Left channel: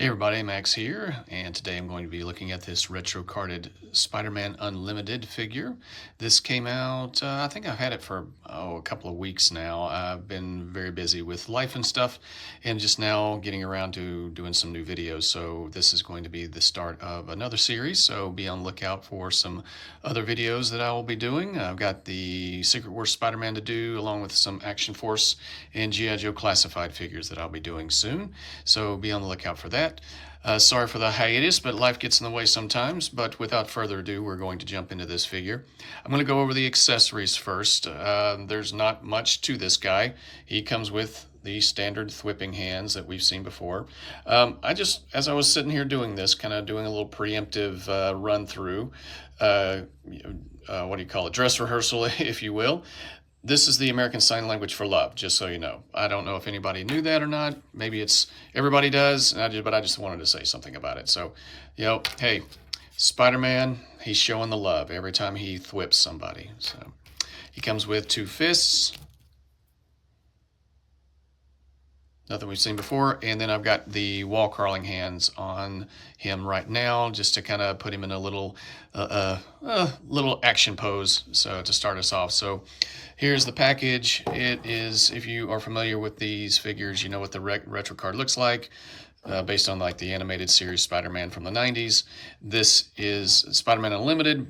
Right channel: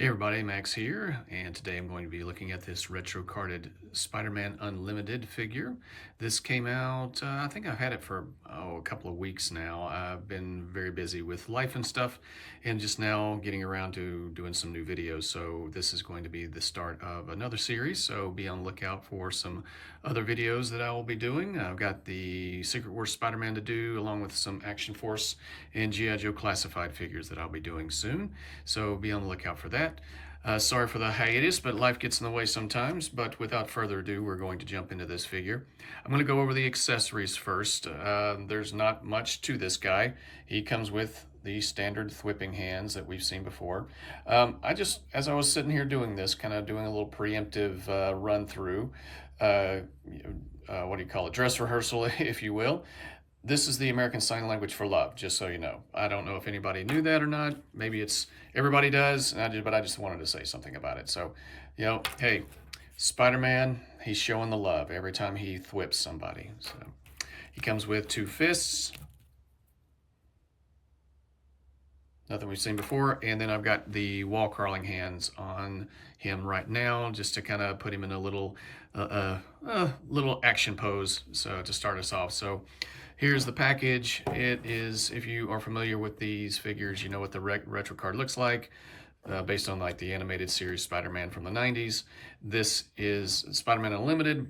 Hey everybody, Max here, and today I'm going to be looking at this retro carded Spider-Man Unlimited figure. This came out, I think I've had it for a couple of weeks now. I've been very busy with life and stuff, and just now getting around to doing some new videos. So this is going to be the start of another series, so be on the lookout for some other videos that I will be doing. I've got the Secret Wars Spider-Man to do, along with some Action Force and G.I. Joe classified figures that I'll be doing soon. So be on the lookout for that. Sorry for the hiatus, but life gets in the way sometimes. But without further ado, we're going to jump into this figure. I'm going to go over the accessories first. There's not much to this guy. He comes with the standard thwipping hands that we've seen before. As I was sitting here doing this, kind of doing a little preemptive run through, what do you call it, dress rehearsal, if you will. This is the American Sign Language for love, just so you know. I don't know if anybody knew that or not. Maybe it's everybody does, but I just wanted to say something about it. So, hey, Spider-Man, he's showing the love every time he thwips somebody. So he comes with two fists. Nothing we've seen before. And then I've got the wall crawling hands on him right now, just to kind of put him in a little action pose, so to start us off. So here's the package. It is, if you are familiar with these figures, you know what the retro card looks like. Based on like the animated series Spider-Man from the 90s. This is Spider-Man Unlimited.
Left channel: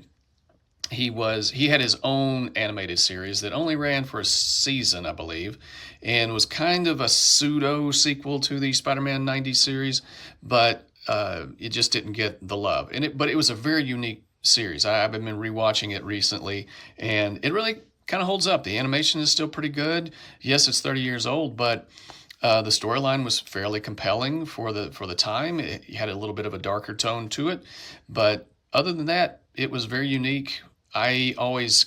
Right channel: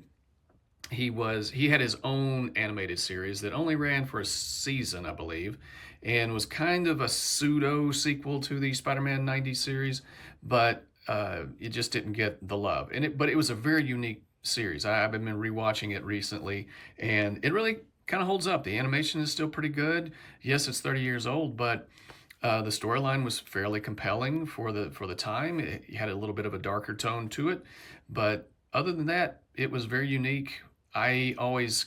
He had his own animated series that only ran for a season, I believe, and was kind of a pseudo sequel to the Spider-Man 90s series, but it just didn't get the love. But it was a very unique series. I've been rewatching it recently, and it really kind of holds up. The animation is still pretty good. Yes, it's 30 years old, but the storyline was fairly compelling for the time. It had a little bit of a darker tone to it, but other than that, it was very unique. I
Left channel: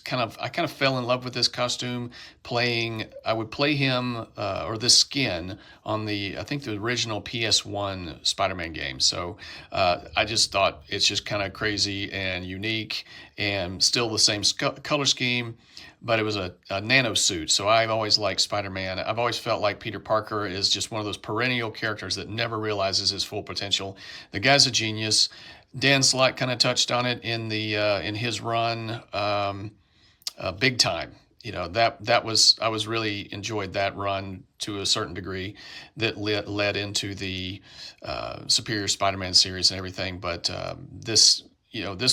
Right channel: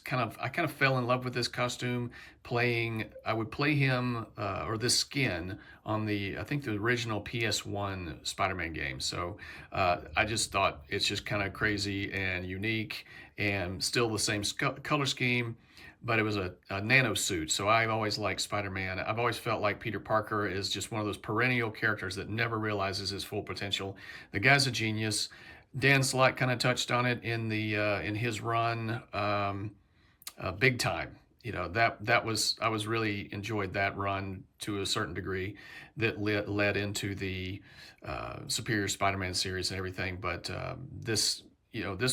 kind of fell in love with this costume I would play him or this skin on I think the original PS1 Spider-Man game. So I just thought it's just kind of crazy and unique and still the same color scheme, but it was a nano suit. So I've always liked Spider-Man. I've always felt like Peter Parker is just one of those perennial characters that never realizes his full potential. The guy's a genius. Dan Slott kind of touched on it in his run, big time. I was really enjoyed that run to a certain degree that led into the Superior Spider-Man series and everything. But this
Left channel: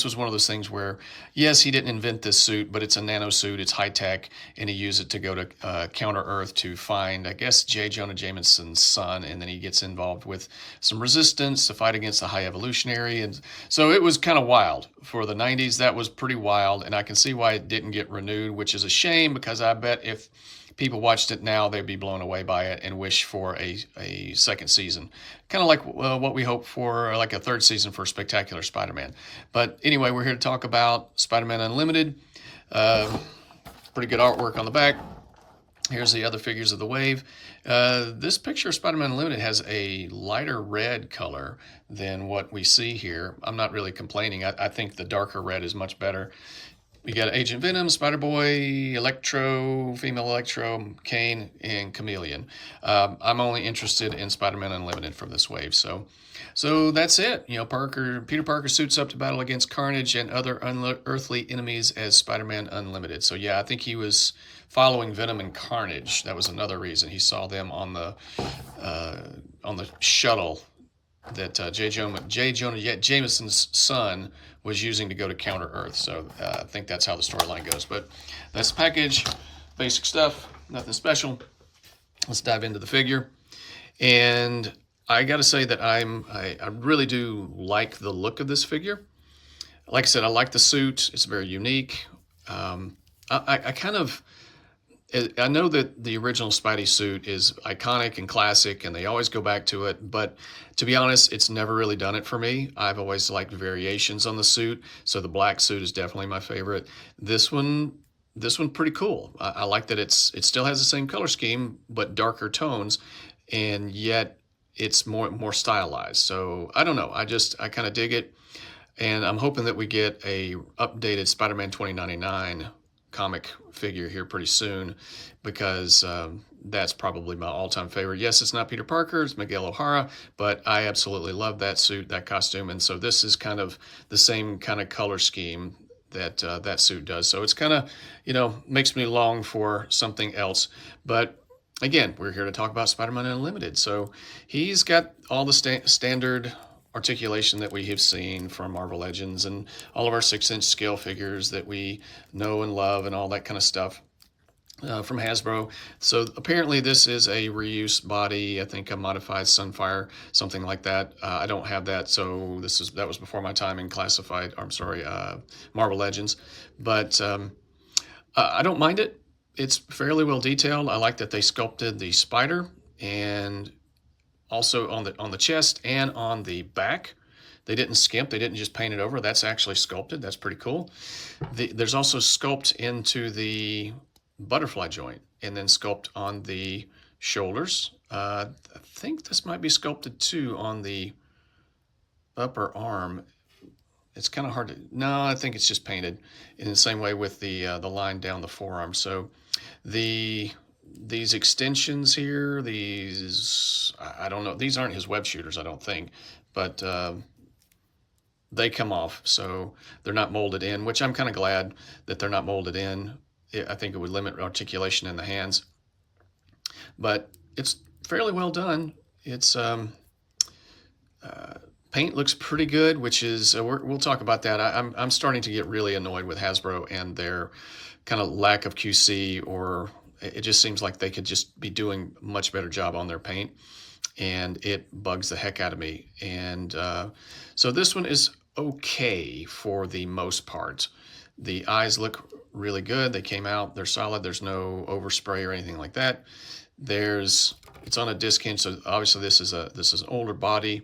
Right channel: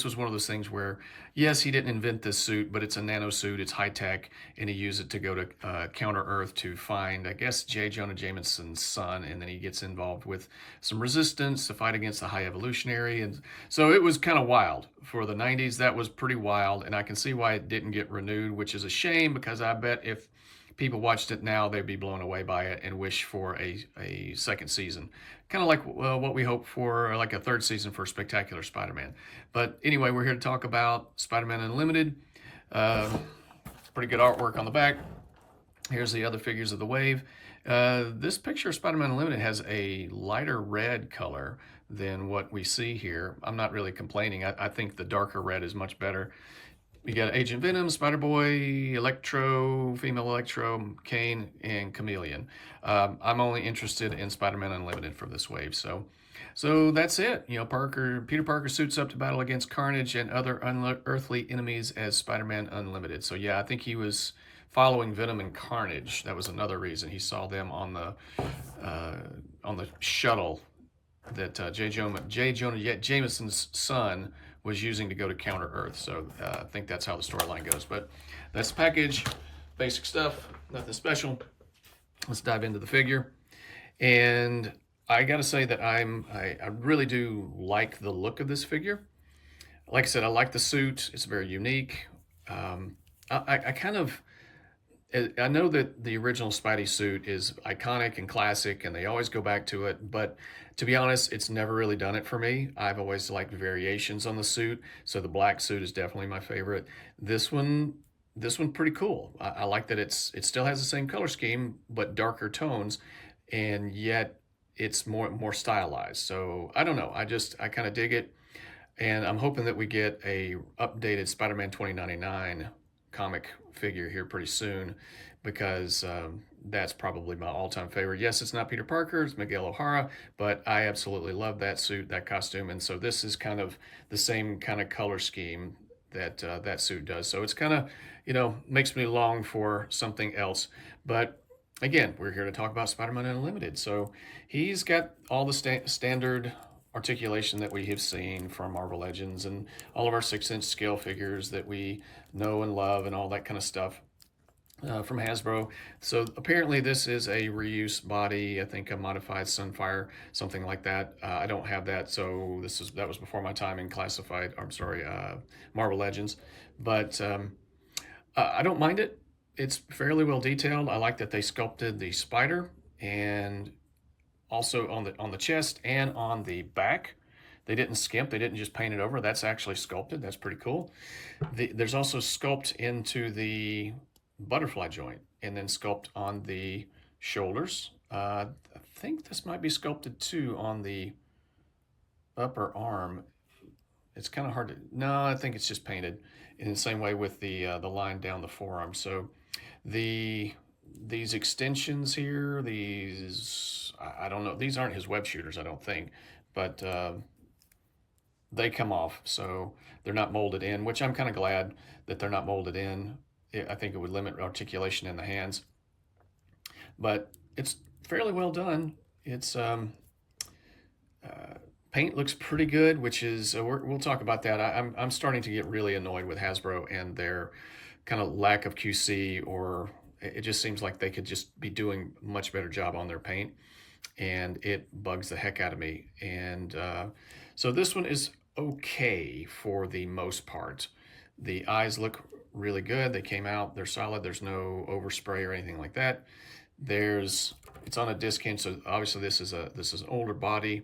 was one of those things where, yes, he didn't invent this suit, but it's a nano suit, it's high tech, and he used it to go to Counter Earth to find, I guess, J. Jonah Jameson's son, and then he gets involved with some resistance to fight against the High Evolutionary, and so it was kind of wild for the 90s. That was pretty wild, and I can see why it didn't get renewed, which is a shame, because I bet if people watched it now, they'd be blown away by it and wish for a second season. Kind of like what we hope for, like a third season for Spectacular Spider-Man. But anyway, we're here to talk about Spider-Man Unlimited. Pretty good artwork on the back. Here's the other figures of the wave. This picture of Spider-Man Unlimited has a lighter red color than what we see here. I'm not really complaining. I think the darker red is much better. We got Agent Venom, Spider-Boy, Electro, Female Electro, Kane, and Chameleon. I'm only interested in Spider-Man Unlimited from this wave. So that's it. Peter Parker suits up to battle against Carnage and other unearthly enemies as Spider-Man Unlimited. So yeah, I think he was following Venom and Carnage. That was another reason he saw them on the shuttle that J. Jonah Jameson's son was using to go to Counter Earth. So I think that's how the storyline goes. But that's the package, basic stuff, nothing special. Let's dive into the figure. And I got to say that I really do like the look of this figure. Like I said, I like the suit. It's very unique. I know that the original Spidey suit is iconic and classic, and they always go back to it, but to be honest, it's never really done it for me. I've always liked variations on the suit, so the black suit is definitely my favorite. This one pretty cool. I like that it still has the same color scheme, but darker tones, and yet it's more stylized. So I don't know. I kind of dig it, and I'm hoping that we get a updated Spider-Man 2099 comic figure here pretty soon, because that's probably my all-time favorite. Yes, it's not Peter Parker, it's Miguel O'Hara, but I absolutely love that suit, that costume, and so this is kind of the same kind of color scheme that that suit does. So it's kind of, makes me long for something else. But again, we're here to talk about Spider-Man Unlimited. So he's got all the standard articulation that we have seen from Marvel Legends and all of our 6-inch scale figures that we know and love and all that kind of stuff. From Hasbro. So apparently this is a reuse body, I think a modified Sunfire, something like that. I don't have that, so that was before my time in classified, I'm sorry, Marvel Legends. But I don't mind it. It's fairly well detailed. I like that they sculpted the spider, and also on the chest and on the back. They didn't skimp, they didn't just paint it over. That's actually sculpted. That's pretty cool. There's also sculpt into the butterfly joint, and then sculpt on the shoulders. I think this might be sculpted too on the upper arm. It's kind of hard to, no, I think it's just painted in the same way with the line down the forearm. So these extensions here, I don't know, these aren't his web shooters, I don't think, but they come off, so they're not molded in, which I'm kind of glad that they're not molded in. I think it would limit articulation in the hands, but it's fairly well done. It's paint looks pretty good, which is we'll talk about that. I'm starting to get really annoyed with Hasbro and their kind of lack of QC, or it just seems like they could just be doing a much better job on their paint, and it bugs the heck out of me. And so this one is okay for the most part. The eyes look really good. They came out, they're solid. There's no overspray or anything like that. It's on a disc hinge, so obviously this is an older body.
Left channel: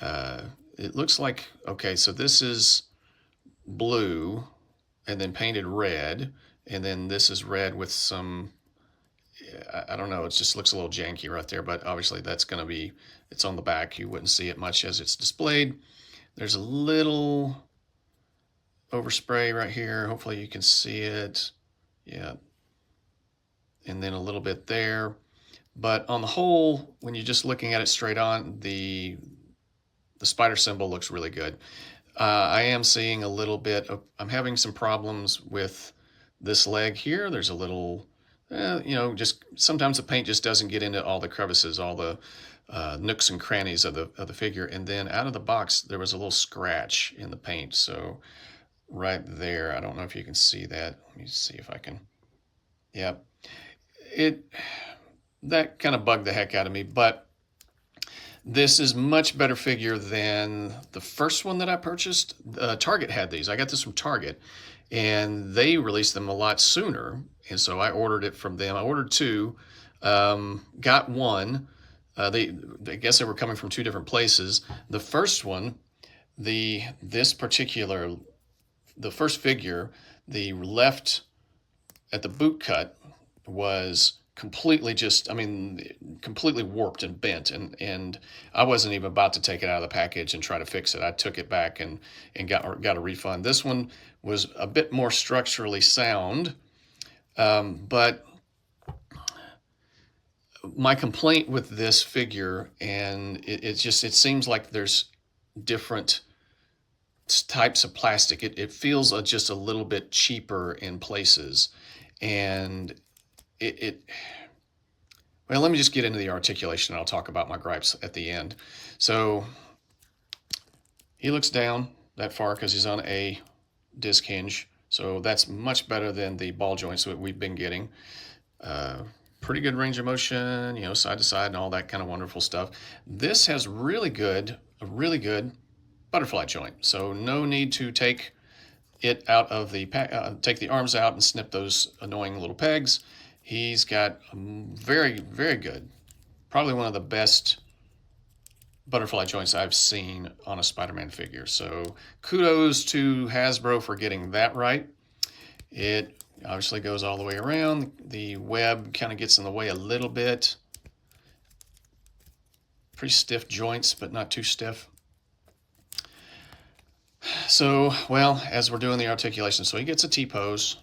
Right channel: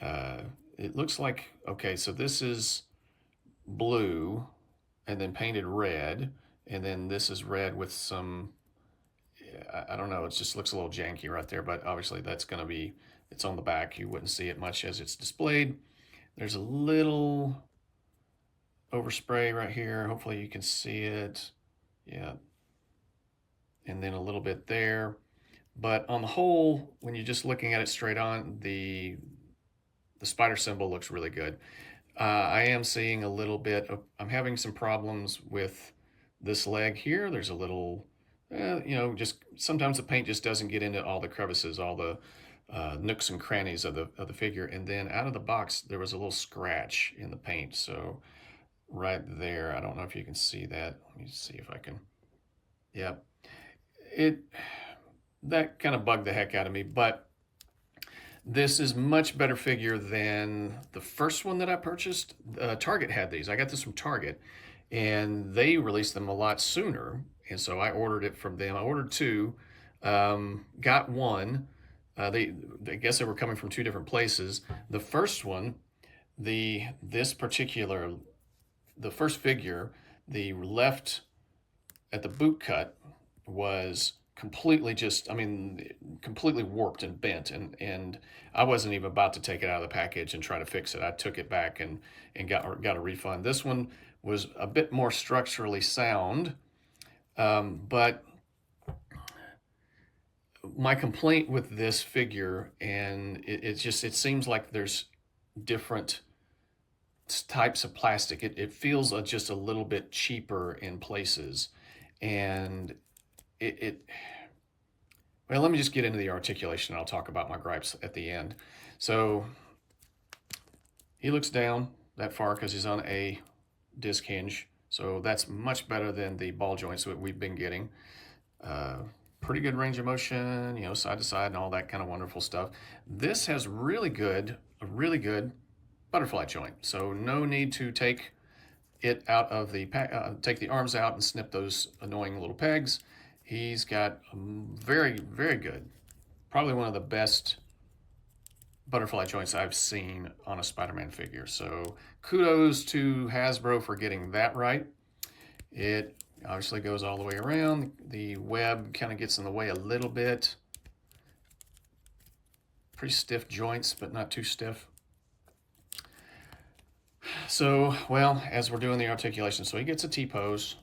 It looks like, okay, so this is blue and then painted red, and then this is red with some, I don't know, it just looks a little janky right there, but obviously it's on the back. You wouldn't see it much as it's displayed. There's a little overspray right here. Hopefully you can see it. Yeah. And then a little bit there. But on the whole, when you're just looking at it straight on, the spider symbol looks really good. I am seeing a little bit of, I'm having some problems with this leg here. There's a little, just sometimes the paint just doesn't get into all the crevices, all the nooks and crannies of the figure. And then out of the box, there was a little scratch in the paint. So right there, I don't know if you can see that. Let me see if I can. Yeah, that kind of bugged the heck out of me, but this is much better figure than the first one that I purchased. Target had these. I got this from Target, and they released them a lot sooner, and so I ordered it from them. I ordered two, got one. I guess they were coming from two different places. The first one, the first figure, the left at the boot cut was completely completely warped and bent, and I wasn't even about to take it out of the package and try to fix it. I took it back and got a refund. This one was a bit more structurally sound, but my complaint with this figure, and it seems like there's different types of plastic. It feels just a little bit cheaper in places, and well, let me just get into the articulation, and I'll talk about my gripes at the end. So he looks down that far because he's on a disc hinge, so that's much better than the ball joints that we've been getting. Pretty good range of motion, side to side and all that kind of wonderful stuff. This has a really good butterfly joint, so no need to take it out of the take the arms out and snip those annoying little pegs. He's got a very, very good, probably one of the best butterfly joints I've seen on a Spider-Man figure. So kudos to Hasbro for getting that right. It obviously goes all the way around. The web kind of gets in the way a little bit. Pretty stiff joints, but not too stiff. So, well, as we're doing the articulation, so he gets a T-pose,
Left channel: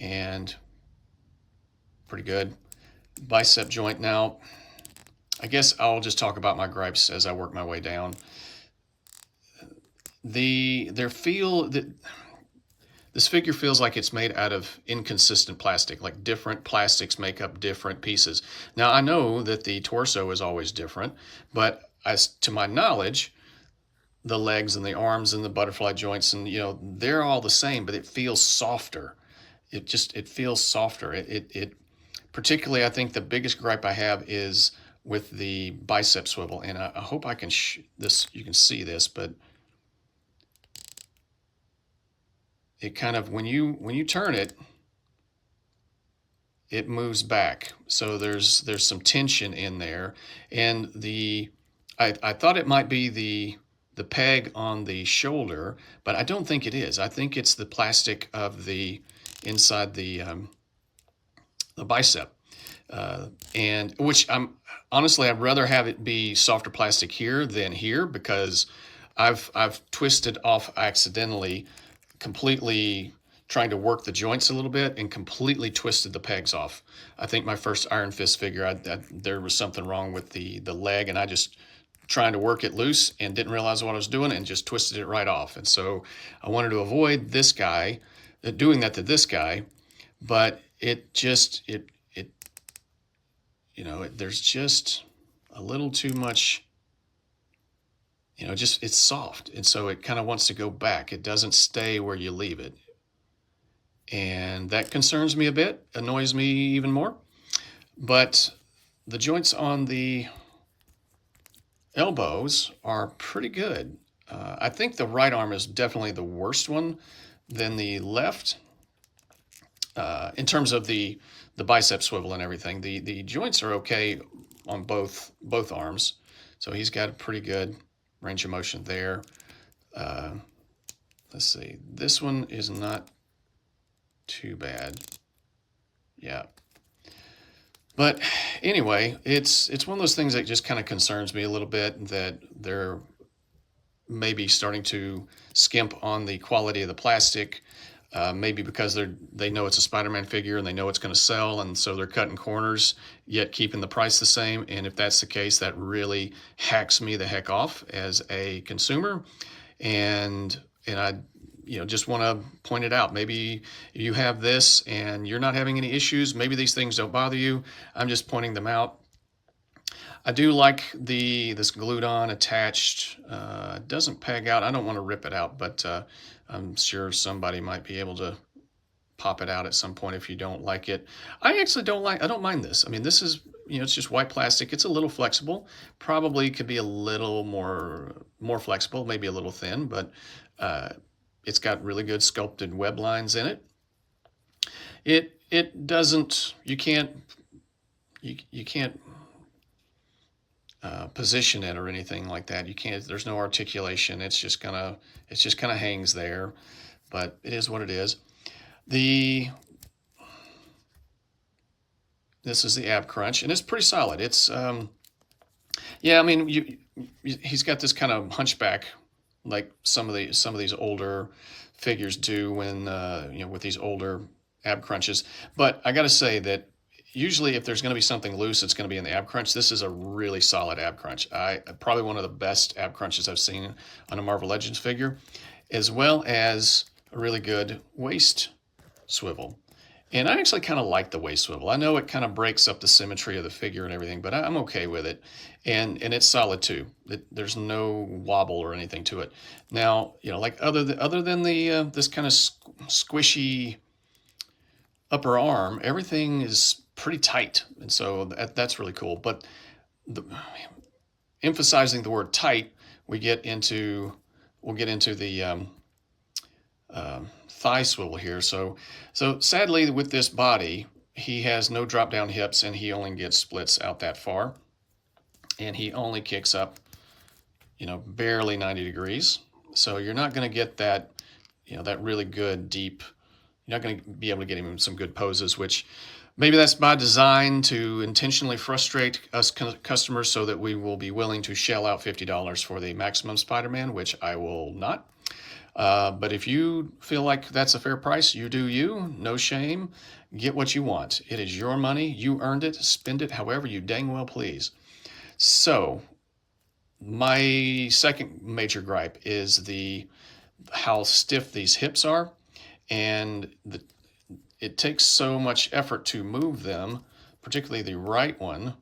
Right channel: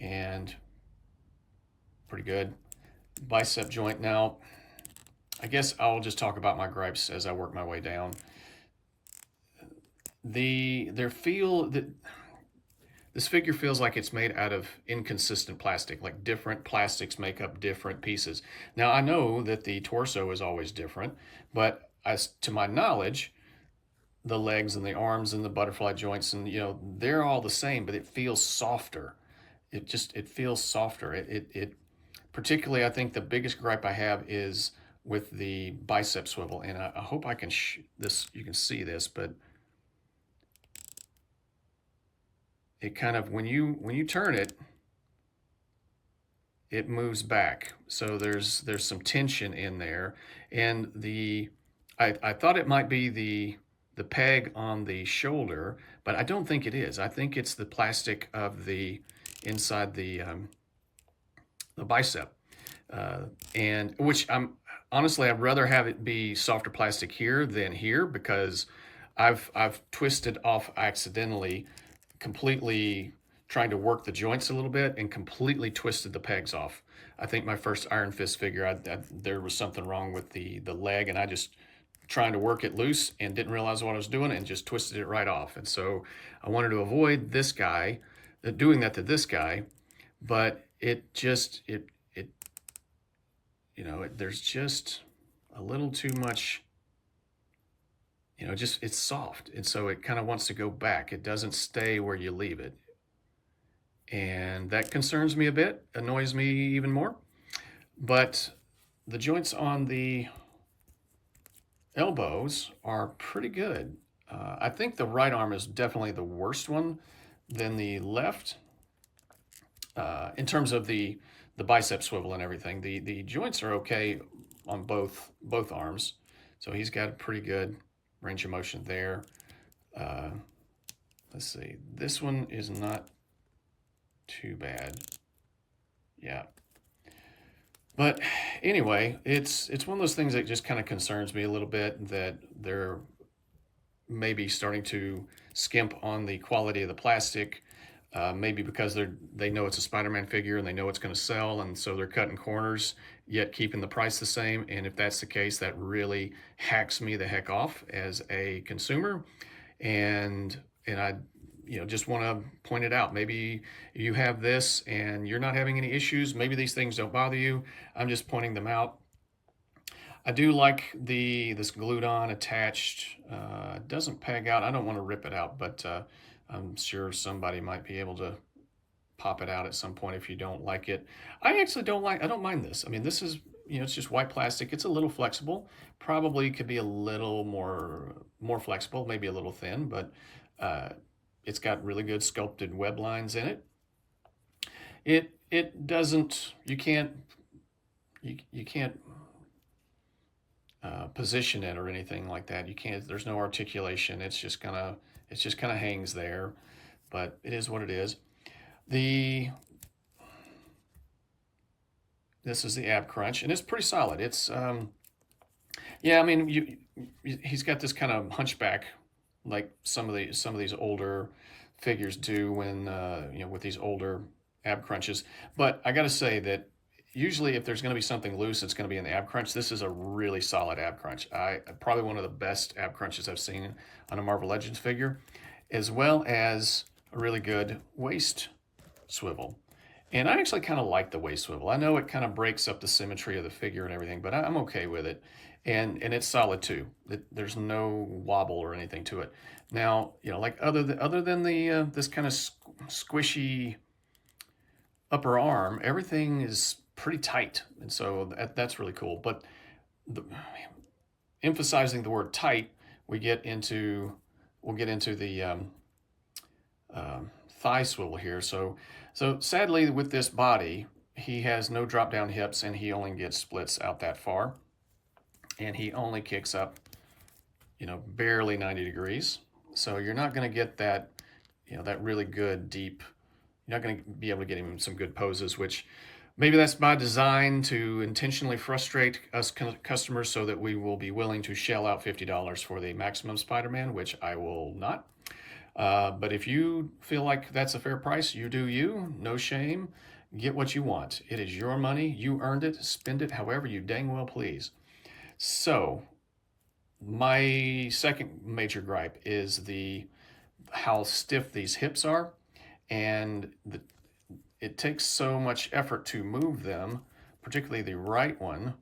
and pretty good. Bicep joint. Now, I guess I'll just talk about my gripes as I work my way down. This figure feels like it's made out of inconsistent plastic, like different plastics make up different pieces. Now, I know that the torso is always different, but as to my knowledge, the legs and the arms and the butterfly joints and they're all the same, but it feels softer. It feels softer. It particularly, I think the biggest gripe I have is with the bicep swivel, and I hope I can you can see this, but it kind of, when you turn it, it moves back. So there's some tension in there, and I thought it might be the peg on the shoulder, but I don't think it is. I think it's the plastic of the inside the bicep, and which I'd rather have it be softer plastic here than here, because I've twisted off accidentally, completely trying to work the joints a little bit and completely twisted the pegs off. I think my first Iron Fist figure, there was something wrong with the leg, and I just trying to work it loose and didn't realize what I was doing and just twisted it right off. And so I wanted to avoid this guy, doing that to this guy, but there's just a little too much, it's soft. And so it kind of wants to go back. It doesn't stay where you leave it. And that concerns me a bit, annoys me even more. But the joints on the elbows are pretty good. I think the right arm is definitely the worst one than the left, in terms of the bicep swivel and everything. The joints are okay on both arms, so he's got a pretty good range of motion there. Let's see, this one is not too bad. Yeah. But anyway, it's one of those things that just kind of concerns me a little bit, that they're maybe starting to skimp on the quality of the plastic, maybe because they know it's a Spider-Man figure and they know it's going to sell, and so they're cutting corners, yet keeping the price the same. And if that's the case, that really hacks me the heck off as a consumer. And I just want to point it out. Maybe you have this and you're not having any issues. Maybe these things don't bother you. I'm just pointing them out. I do like this glued on attached. It doesn't peg out. I don't want to rip it out, but I'm sure somebody might be able to pop it out at some point if you don't like it. I actually I don't mind this. I mean, this is, it's just white plastic. It's a little flexible. Probably could be a little more flexible, maybe a little thin, but it's got really good sculpted web lines in it. It doesn't, you can't position it or anything like that. You can't, there's no articulation. It just kind of hangs there, but it is what it is. This is the ab crunch, and it's pretty solid. It's, yeah, I mean, he's got this kind of hunchback, like some of these older figures do when, with these older ab crunches. But I got to say that usually if there's going to be something loose, it's going to be in the ab crunch. This is a really solid ab crunch. Probably one of the best ab crunches I've seen on a Marvel Legends figure, as well as a really good waist swivel. And I actually kind of like the waist swivel. I know it kind of breaks up the symmetry of the figure and everything, but I'm okay with it. And it's solid too. There's no wobble or anything to it. Now, like other than the this kind of squishy upper arm, everything is pretty tight, and so that's really cool. But emphasizing the word tight, we'll get into the thigh swivel here. So sadly, with this body, he has no drop down hips, and he only gets splits out that far, and he only kicks up, barely 90 degrees. So you're not going to get that, that really good deep. You're not going to be able to get him in some good poses, which maybe that's by design to intentionally frustrate us customers so that we will be willing to shell out $50 for the Maximum Spider-Man, which I will not. But if you feel like that's a fair price, you do you, no shame. Get what you want. It is your money. You earned it. Spend it however you dang well please. So my second major gripe is how stiff these hips are, and it takes so much effort to move them, particularly the right one.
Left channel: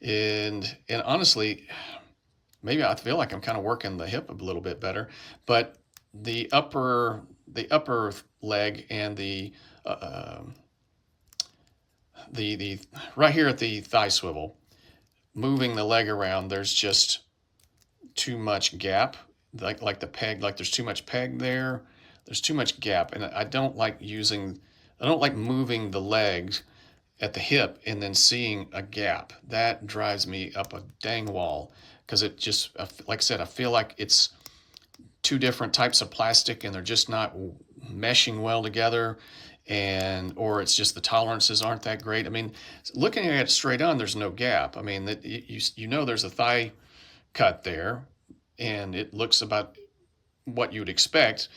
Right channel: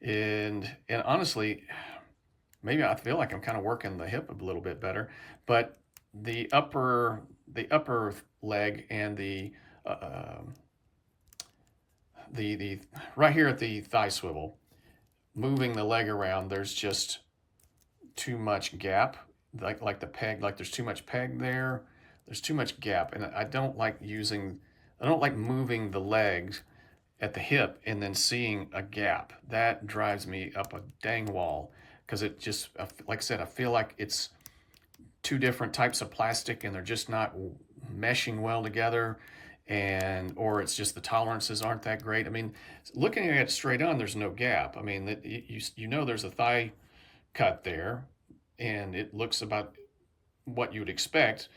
And honestly, maybe I feel like I'm kind of working the hip a little bit better, but the upper leg and uh, the right here at the thigh swivel, moving the leg around, there's just too much gap, like the peg, like there's too much peg there. There's too much gap, and I don't like moving the legs at the hip and then seeing a gap. That drives me up a dang wall because it just, like I said, I feel like it's two different types of plastic and they're just not meshing well together, or it's just the tolerances aren't that great. I mean, looking at it straight on, there's no gap. I mean, that you know there's a thigh cut there, and it looks about what you would expect,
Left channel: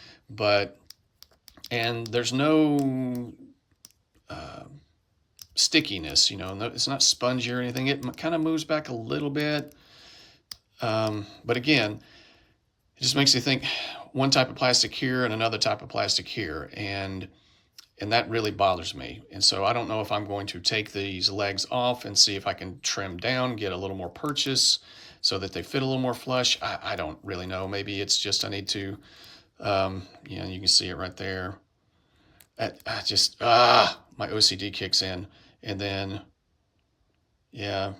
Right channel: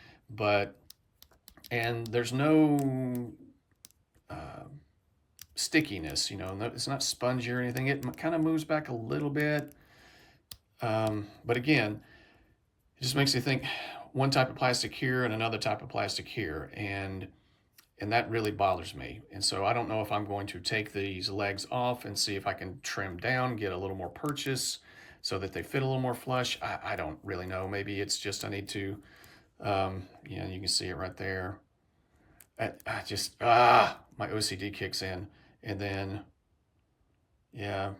and there's no stickiness, it's not spongy or anything. It kind of moves back a little bit. But again, it just makes you think one type of plastic here and another type of plastic here. And that really bothers me. And so I don't know if I'm going to take these legs off and see if I can trim down, get a little more purchase so that they fit a little more flush. I don't really know. Maybe it's just I need to, you can see it right there. My OCD kicks in. And then, yeah,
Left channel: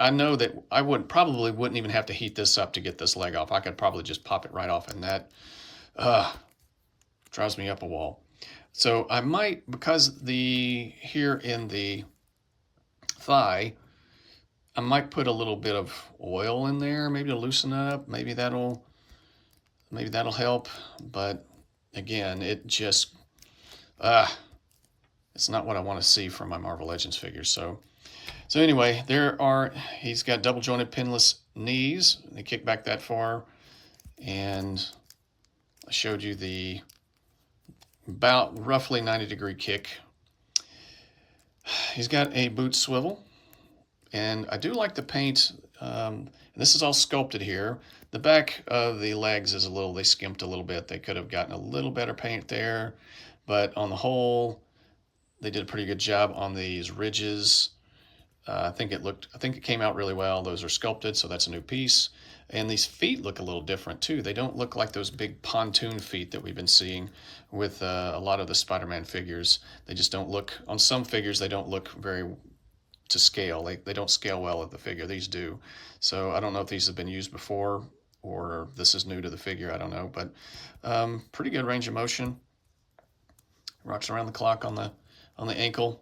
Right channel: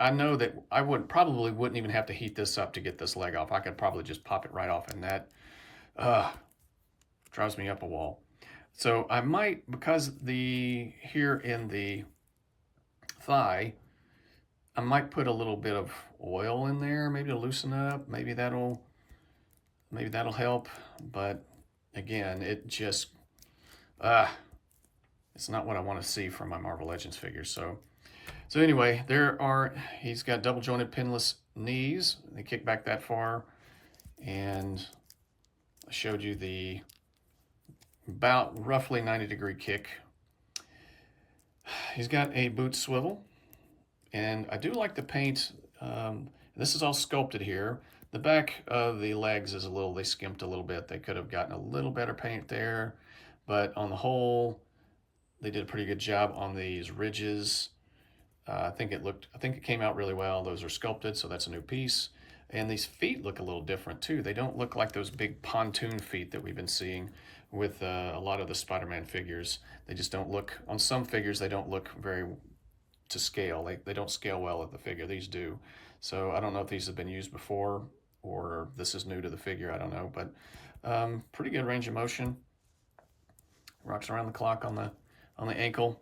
I know that I wouldn't even have to heat this up to get this leg off. I could probably just pop it right off, and that drives me up a wall. So I might, because here in the thigh, I might put a little bit of oil in there, maybe to loosen it up. Maybe that'll help. But again, it just it's not what I want to see from my Marvel Legends figures. So anyway, he's got double jointed pinless knees. They kick back that far, and I showed you the about roughly 90-degree kick. He's got a boot swivel, and I do like the paint. This is all sculpted here. The back of the legs is they skimped a little bit. They could have gotten a little better paint there, but on the whole, they did a pretty good job on these ridges. I think it came out really well. Those are sculpted, so that's a new piece. And these feet look a little different too. They don't look like those big pontoon feet that we've been seeing with a lot of the Spider-Man figures. They just don't look, on some figures, they don't look very to scale. They don't scale well at the figure. These do. So I don't know if these have been used before or this is new to the figure. I don't know, but pretty good range of motion. Rocks around the clock on the ankle.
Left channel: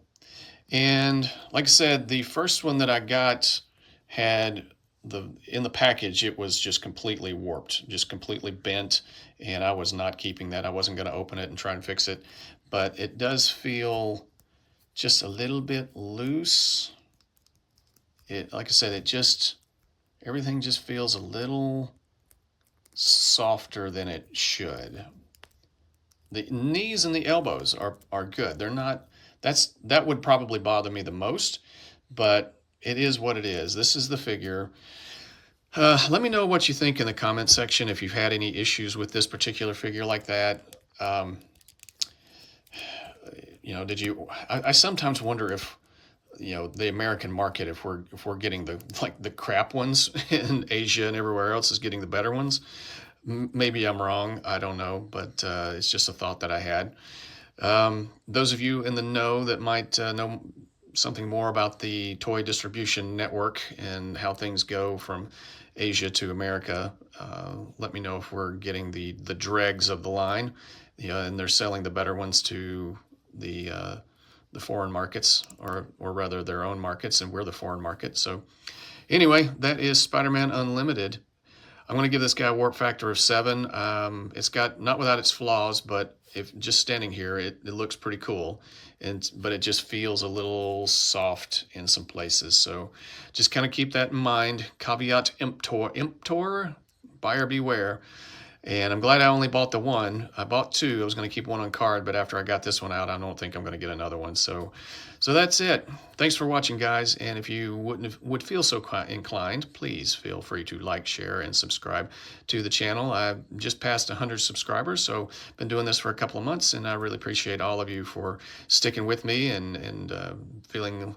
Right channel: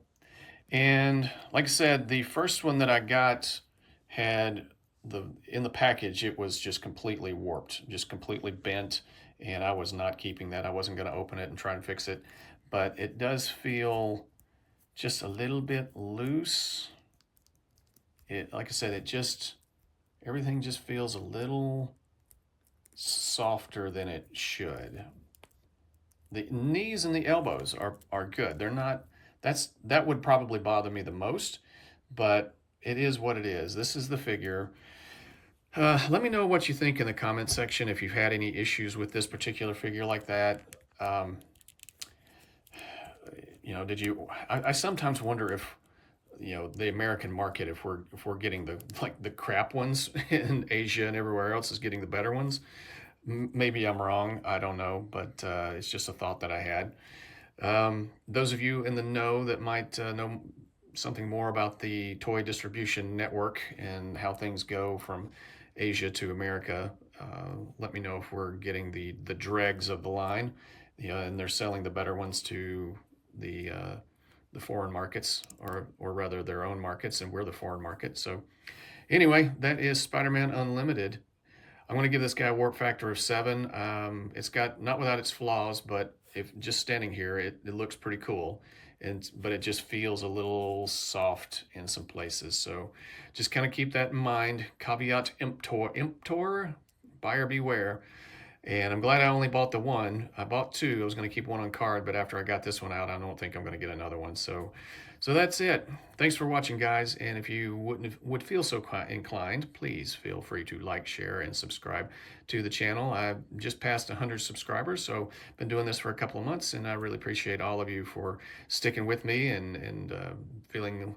And like I said, the first one that I got had in the package, it was just completely warped, just completely bent, and I was not keeping that. I wasn't going to open it and try and fix it, but it does feel just a little bit loose. Like I said, everything just feels a little softer than it should. The knees and the elbows are good. They're not, that would probably bother me the most, but it is what it is. This is the figure. Let me know what you think in the comment section if you've had any issues with this particular figure like that. I sometimes wonder if, the American market, if we're getting the crap ones in Asia and everywhere else is getting the better ones. Maybe I'm wrong. I don't know, but it's just a thought that I had. Those of you in the know that might know something more about the toy distribution network and how things go from Asia to America, let me know if we're getting the dregs of the line, and they're selling the better ones to the foreign markets, or rather their own markets, and we're the foreign market. So anyway, that is Spider-Man Unlimited. I'm going to give this guy a warp factor of 7. It's got, not without its flaws, but if just standing here, it looks pretty cool. But it just feels a little soft in some places. So just kind of keep that in mind. Caveat emptor, buyer beware. And I'm glad I only bought the one. I bought two. I was going to keep one on card, but after I got this one out, I don't think I'm going to get another one. So that's it. Thanks for watching, guys. And if you would feel so inclined, please feel free to like, share, and subscribe to the channel. I've just passed 100 subscribers, so been doing this for a couple of months, and I really appreciate all of you for sticking with me and feeling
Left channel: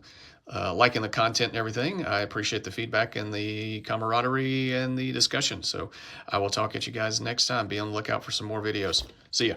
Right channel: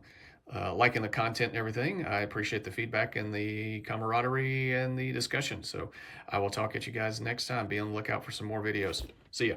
liking the content and everything. I appreciate the feedback and the camaraderie and the discussion. So I will talk at you guys next time. Be on the lookout for some more videos. See ya.